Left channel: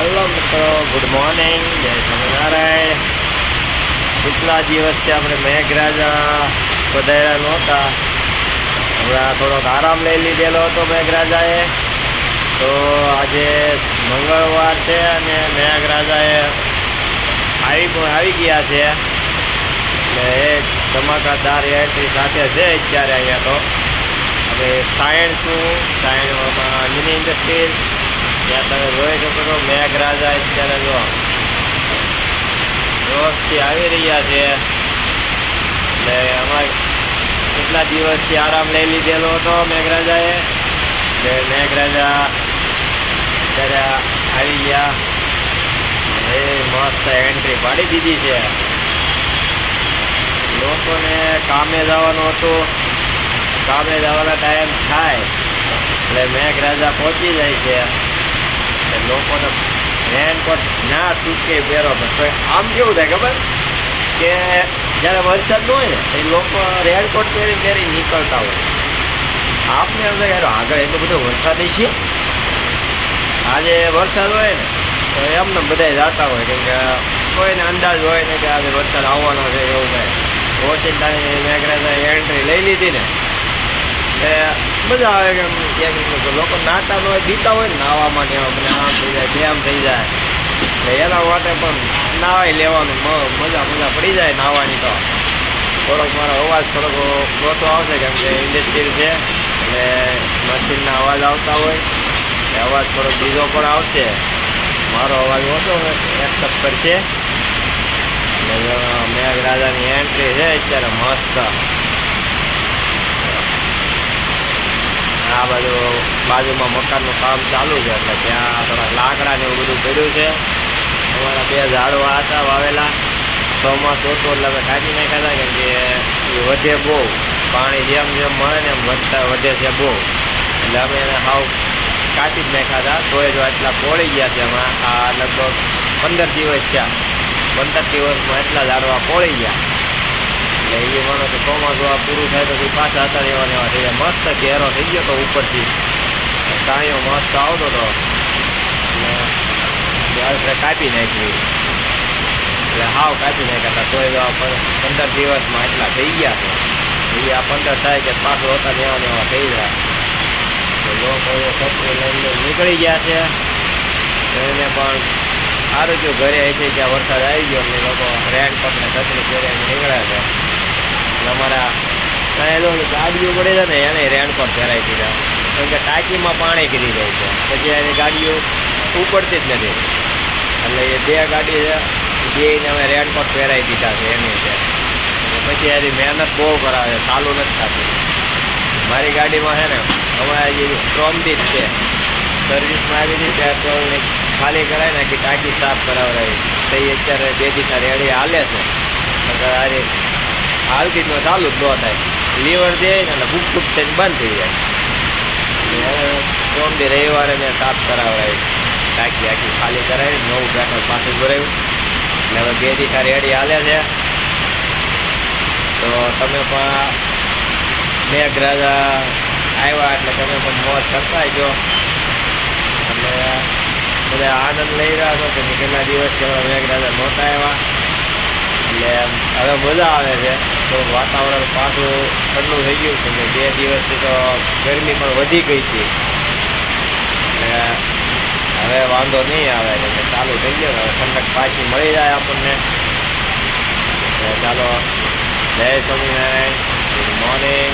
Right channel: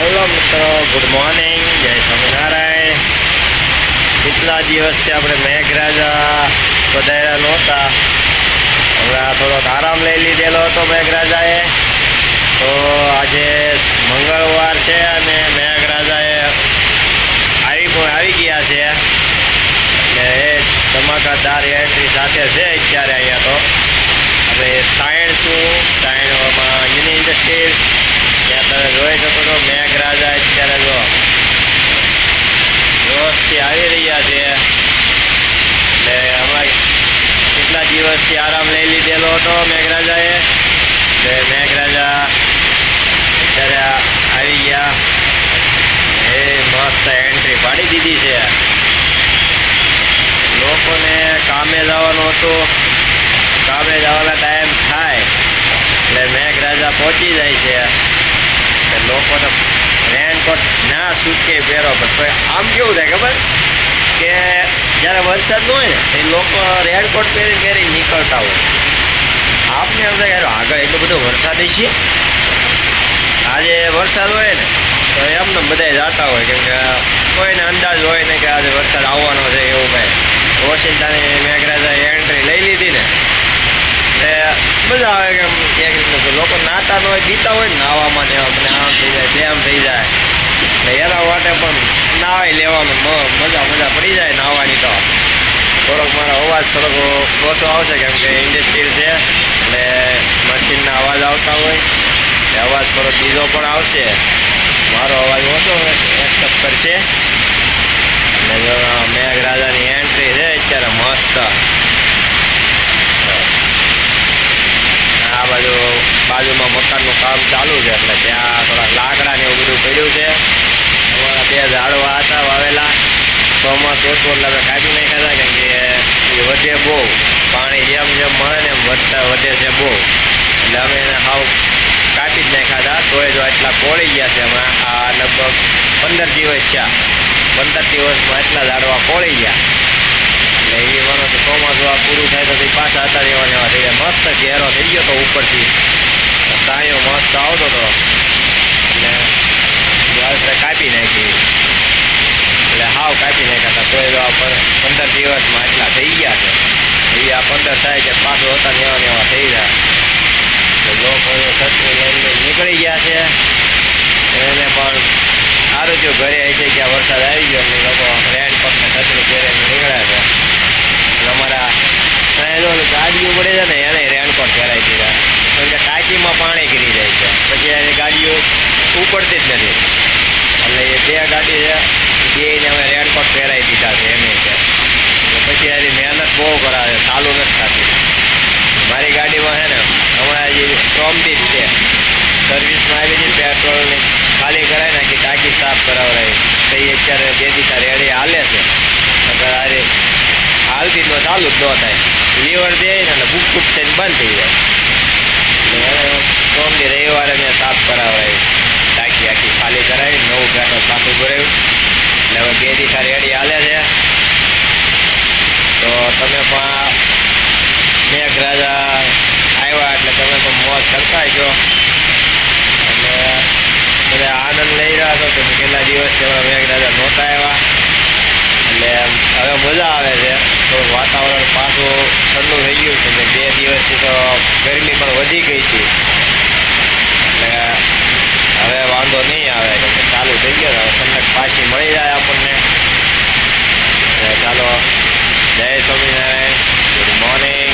Hello મિત્રો good morning જય સ્વામિનારાયણ. કેટલા દિવસથી આપણે મેઘરાજા પધાર્યા નહોતા. હમણાં થોડોક આરામ લઈ લીધેલો હતો મેઘરાજાએ. તો આજે મંગળવાર છે અને મેઘરાજાએ આવી પણ આવી ગયા છે. એટલે એ ધમાકાદાર એન્ટ્રી સાથે છે અત્યારે અહીંયા તો. આપણે સાયણ શું સાયણમાં અંજની ઇન્ડસ્ટ્રીઝ ત્યાં તમે જોઈ શકો છો, મેઘરાજા અત્યારે જો જોશથી આવી રહ્યા છે. એટલે હમણાં કેટલા દિવસથી આરામ લઈ લીધેલો હતો મેઘરાજાએ. એટલે મેઘરાજા અત્યારે આવી ગયા. એ મસ્ત એન્ટ્રી પાડી દીધી છે. લોકોને કામે જવાનું હતું. કામે જવાના ટાઈમ થાય. એટલે મેઘરાજા પહોંચી જાય છે. કે લોકોને રેનકોટ ના સૂટકે પહેરો, પણ આમ કેવું થાય ખબર? કે જ્યારે વરસાદ ન હોય ને એ લોકો રેનકોટ પહેરી પહેરી નીકળતા હોય. આપને એમ થાય આગળ એટલો બધો વરસાદ છે આજે વરસાદ હોય ને, તો એમને બધા જાતા હોય કેમ કે કોઈને અંદાજ હોય ને કે આજે વરસાદ આવવાનો છે એવું કાંઈ. ઓશિંતાની મેઘરાજાએ એન્ટ્રી લઈ લીધી ને. એટલે મજા આવે કે એક રીતનું લોકો નાતા ન હોય, પીતા હોય ને નાવામાં ને મને આમ થઈ જાય તેમ થઈ જાય. એટલે એના માટે પણ નાવાય લેવાનું મજા મજા પડી જાય નાવાની તો. થોડોક મારો અવાજ થોડોક ઓછો આવશે કેમ કે ઇન્ડસ્ટ્રીલ છે, એટલે મશીનના અવાજ આવતા હોય, એટલે અવાજ થોડોક બીજો પણ આવશે. મારો અવાજ ઓછો એક્સેપ્ટ કરશે. જો મેઘરાજાની એન્ટ્રી છે, અત્યારે મસ્ત. આ બાજુ બાજુમાં મકાનનું કામ ચાલુ છે, એટલે ત્યાં થોડાક લાકડા ને એવું બધું પડ્યું છે. અમારા બે ઝાડવા હતા વાવેલા. ચોમાસું હતું એટલે અમે કાપી નાખ્યા હતા, કેમ કે એ વધે બહુ. પાણી જેમ જેમ મળે ને એમ વધતા વધે છે બહુ. એટલે અમે એને હાવ કાપી જ નાખ્યા હતા. તોય જો આટલા કોળી ગયા છે હમણાં આ લગભગ પંદર દિવસ થયા. પંદર દિવસમાં એટલા ઝાડવા કોળી ગયા. એટલે એ માનો કે ચોમાસું આ પૂરું થાય તો પછી હતા એવા ને એવા થઈ જાય મસ્ત ઘેરો થઈ ગયો તો ઉપરથી. સાયો મસ્ત આવતો હતો એટલે આપણે કાપી નાખી. એટલે હાવ કાપી નાખ્યા હતા. તોય તો પં- પંદર દિવસમાં એટલા થઈ ગયા છે. એ આ પંદર થાય કે પાછું હતા ને એવા ને એવા થઈ જાય એટલે લોકો છત્રી લઈને નીકળી ગયા છે. એને પણ સારું જો ઘરે છે કે વરસાદ આવી ગયો એટલે લોકો રેનકોટ ને છત્રી પહેરીને નીકળ્યા છે. અને અમારા અહીંયા જો ગાડીઓ પડે છે ને, એને રેનકોટ પહેરાવી દીધા કારણ કે ટાંકીમાં પાણી ગીરી જાય છે. પછી એની ગાડીઓ ઉપડતી જ નથી. એટલે એ બે ગાડી છે બેને અમે રેનકોટ પહેરાવી દીધા છે એની છે પછી એની મહેનત બહુ કરાવે ચાલુ નથી થતી. મારી ગાડીમાં છે ને, હમણાં જે સ્ટ્રોમથી જ છે. સર્વિસમાં આવી હતી, પેટ્રોલની ખાલી કરાવી નાખી, ટાંકી સાફ કરાવડાવી. તો એ અત્યારે બે દીધા રેડી હાલે છે. નકર આજે જ ન ચાલુ જ ન થાય. લીવર દે અને ભૂખ બુક થઈને બંધ થઈ જાય. સ્ટ્રોમથી રવિવારે મેં સાફ કરાવડાવી. ટાંકી આખી ખાલી કરાવી, નવું પેટ્રોલ પાછું ભરાયું. એટલે હવે બે દીધા રેડી હાલે છે. તો તમે પણ મેઘરાજા આવ્યા એટલે તમે પણ મોજ કરતા છો એટલે બધા આનંદ લઈ રહ્યા છો કે કેટલા દિવસથી હમણાં મેઘરાજા નહોતા આવ્યા એટલે હવે મજા આવે છે. તો વાતાવરણ પાછું ઠંડુ થઈ ગયું છે ને બે દિવસથી તો ગરમી પણ વધી ગઈ હતી. એટલે હવે વાંધો નહીં આવે, કેમ કે ચાલુ થઈ ગયો હવે ઠંડક પાછી મળી જાય આપણને. ચાલો, જય સ્વામિનારાયણ ગુડ મોર્નિંગ